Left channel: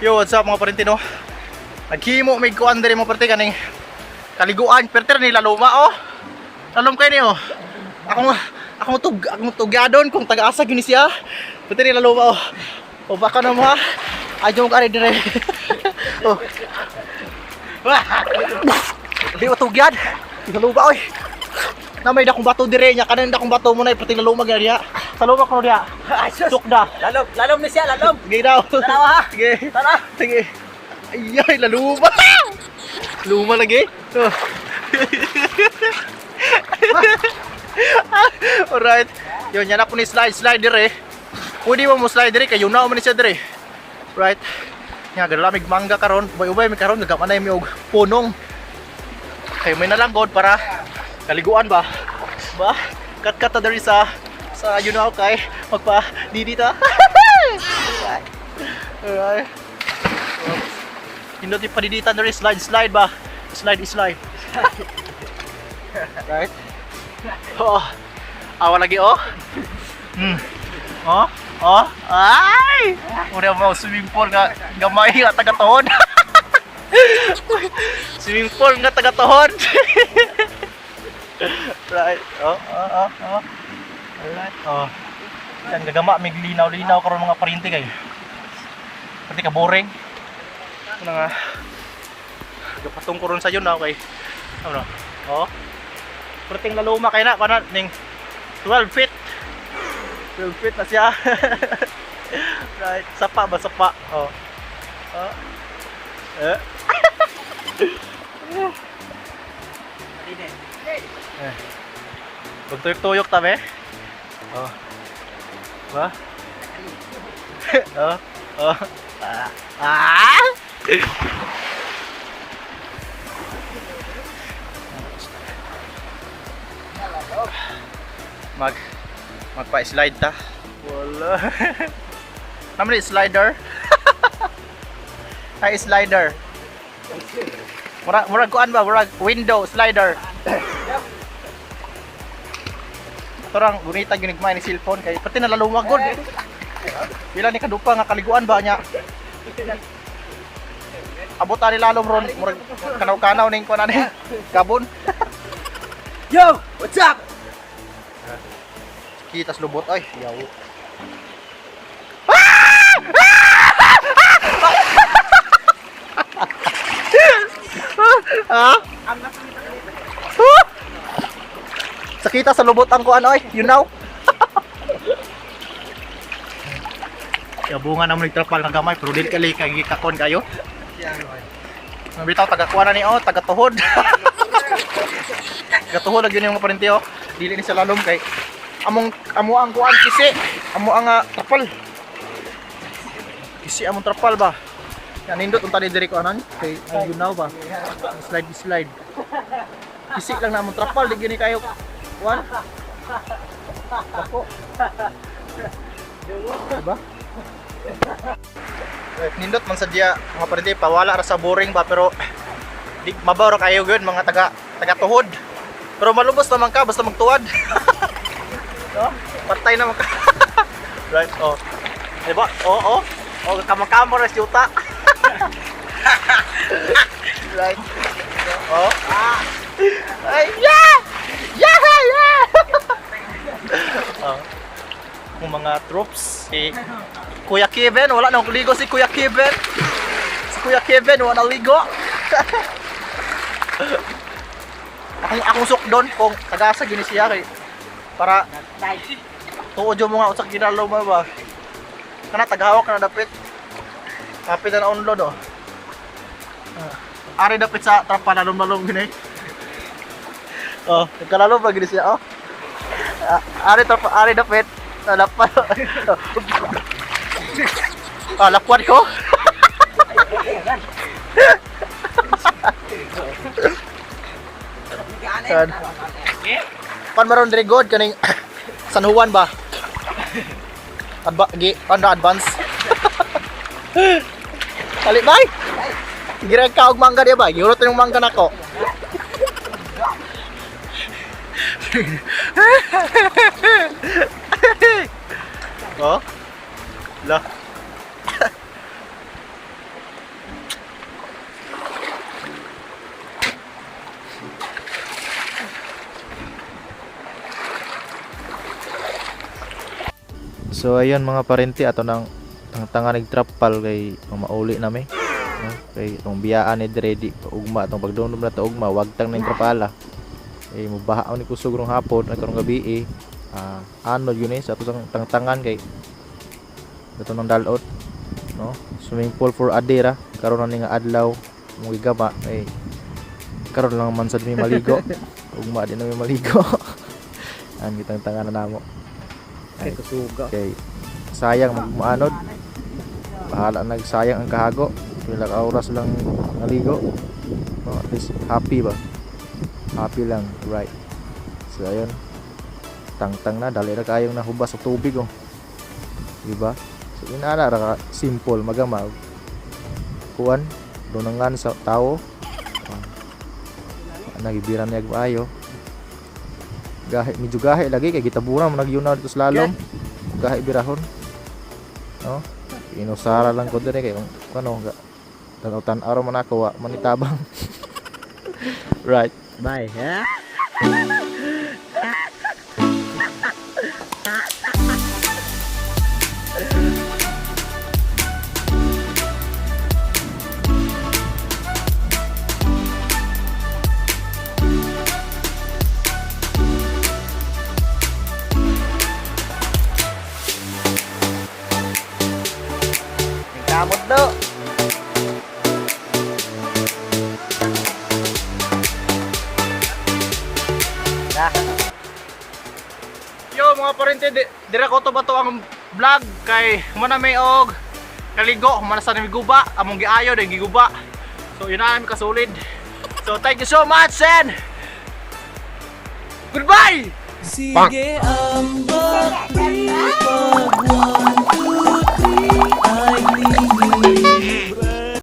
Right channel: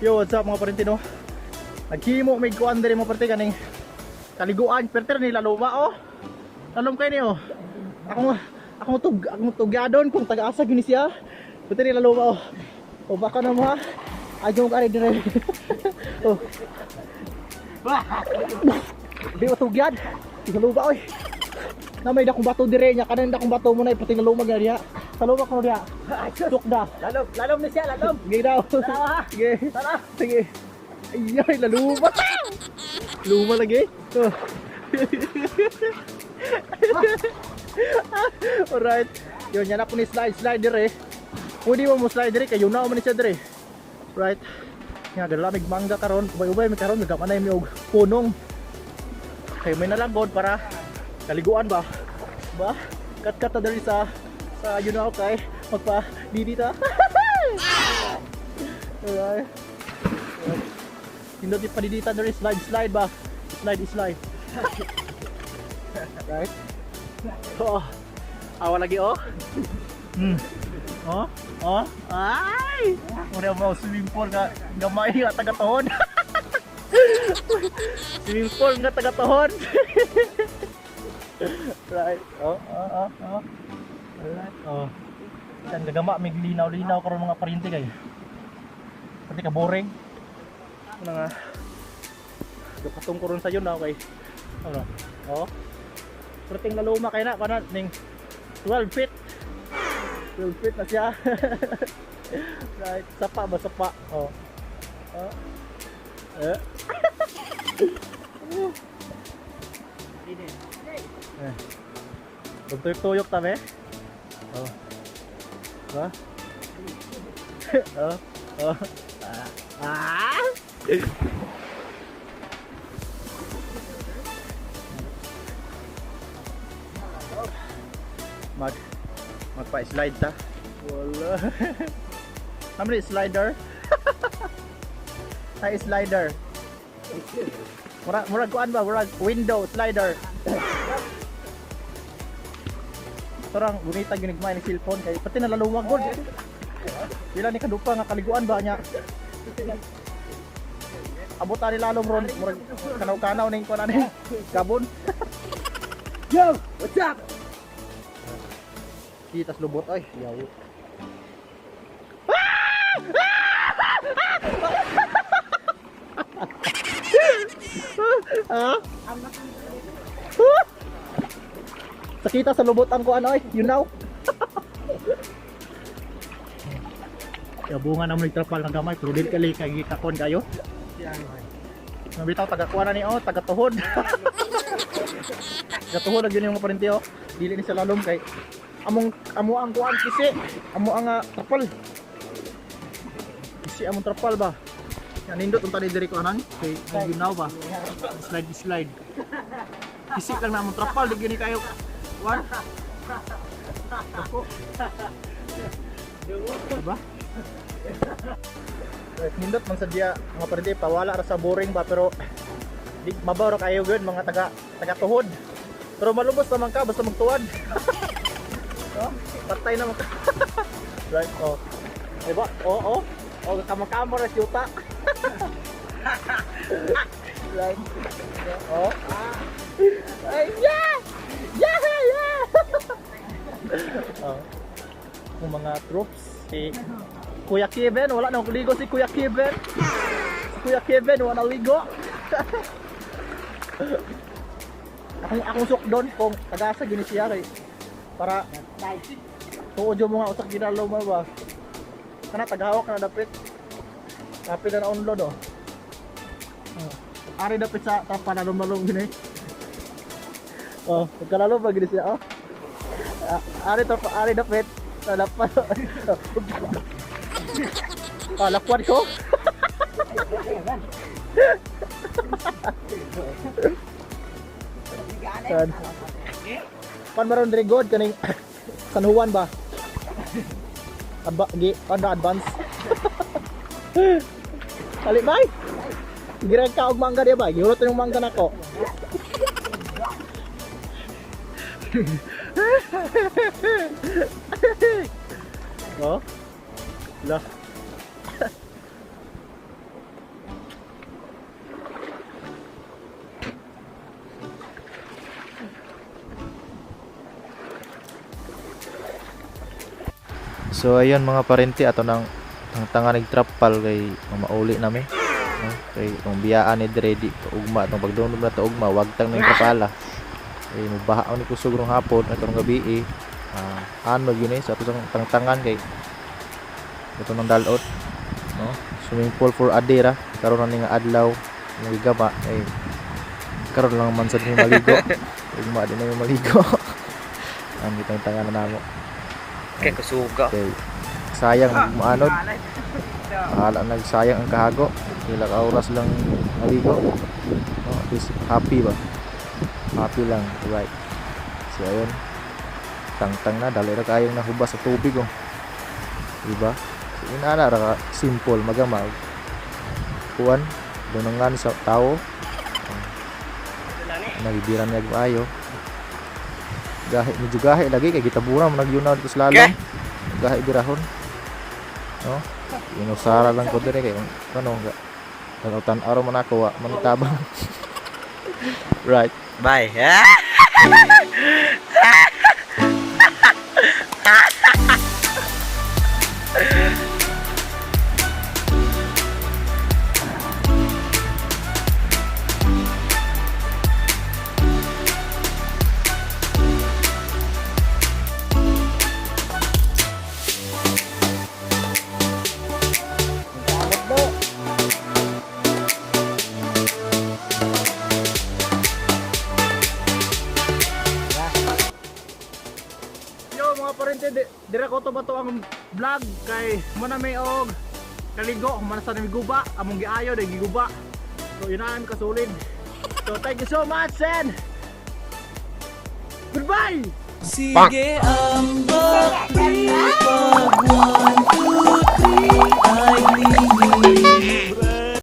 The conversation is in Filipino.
Yo, what's up mga parintino? Naghimo may kuan diri mga parinte kaning kaliguan perter ni laluma oh. Lalom kay ni oh. Ako tugadon kung taga-asa gyud ni siya. Perter ni laluma oh. O baka na mo ha. Adyo mo ka dire. Oh. Di tugyad. Laluma oy. Na may dakong bato dire nya kanan dakong bato mo na perter ni laluma gyud diha. Saluma ko diha. Suk da. Lalom ni siya, lalom. Sige daw. Tara ha. Sige. Tara. Sige. Ay, laluma. Luma lagi. Oh. Alright. Yun, yan ako ni slide dire. Pwede mo slide dire, kayo na mo ni siya dire. Right. Nga, galamig mangga karon. Ubay-ubay may karon, nagamanay may og punong. Kayo may nalangkod para kaliguan ba? Ba? Kat-kat dire sa you know kay magpa didita. Alright. Hindi pa didita na rin slide ba? Slide. Right? Oh. Awa lagi oh. Oh. Ay! Muna mo swimming pool nga gamay nga taga-tuhod. Swimming pool nga taga-tuhod. Right. Oh. Alright. Oh. Yan gagama mig linaw karon mga parinti kay. Pati ka boring. Ano nga. Gapatong ko ron sa yun na okay. Ano? Oh. Perting laluma kay na kana ning 12 feet. 12 feet na siya. Right. Sapa ba sapa? Oh. Oh. Bugtuyok-tuyok tabi. Oh. Ba? Oh. Magpa-slide ta. Wala. Naman slider. Ay slider. Murag kuan ba? Murag window slider. Torang gumita gyud nigmay ni cellphone kay pati nalalumag gud. Pila ni kadupa nga kaliguan ba nya. Abot ani lalom ron murag kanaw-kanaw ning kuan ani kabon. Yo, what's up? Kitas lubot ay yaw. Ha? Sakita sa lubot ang kuan oy, you know. Bunga naman nagtrapal na gamay pero dili kali kay kakon kayo. Mabitaw taga-kuan na ni oh, taga-tuhod. Taga-tuhod lagi yung mga parente oh. Dili ni sa lalom kay amo ang kuan kisi, amo ang trapal. Kisi among trapal ba. Yan nindot unta ni diri ko anan kay you know ba. Slide. Kisi lang na among trapal di gini kayo. Kuan. Ako. Diba? Nindot man sadya mga parente pawala ra sa boring ba pero di mabaw ra kayo gyud mga taga-tuhod. Pero malubos naman ka basta magtuwad. No? Patay naman ka. Right, oh. Diba? Oh, kamang-kamang ras yuta. Right. Oh. Ay, yeah! Yeah! Yeah! Oh. Yung mga troops, si Kuya Kevin, wala nang ligo si Kuya Kevin. Si Kuya Kevin, wala nang ligo. akong sukdon kung tagasa gini siya kay para tuod yung mga usak ginalaw mo ba. Kana tagahawak na dapit. Kapit na unload oh. Ari dapit sa trapa lalom-lalom gini. Oh, nagkalalom ba gini siya oh. Ari dapit. Lapan. Lapuan ko. Pan maron diri god kaning San Juan ba? Advance. Kali bay. Gira ka og mangga dia ba? Giurot yung mangga nako. Oh. Lah. So ayun mga parente ato nang tangtanga nagtrapal kay mauli nami no? Kay itong biyaan ni ready ugma itong pagdumdum na to ugma wag tang ning trapala ay mubahaw ni kusog rong hapon at karong gabi ano yun sa ato tangtangan kay ito nang dalot no swimming pool for adira karon na nga adlaw mo gigaba ay karon lang man sad ni maligo ugma din na maligo ang kitang tangan na namo. Kay kusuga. Okay. Sayang magmaanod. Bahala nagsayang ang kahago. Ilang oras lang naligo. No, at least happy ba? Happy lang, right. So ayun. Tangtang na dali ra kayong nahubas sa tubig oh. Diba? So inana ra simple magama. Kuan dunangan sa tao. Nagibiran niya ayo. Gahi medyo gahi lagi kay gitaburan mo nagyunaw dito sa lalom. Gahi birahon. No? Inusara lang ko dire kay ano ga tan araw man ako wa manitabang. Right. Bye. Yo mga parente, dira ko to ba to ang vlog kay muna may og kaligo, mana sa nami guba, among giayo day giguba. So yun na kasulid. So thank you so much and goodbye. Sige ang pagpapagwa.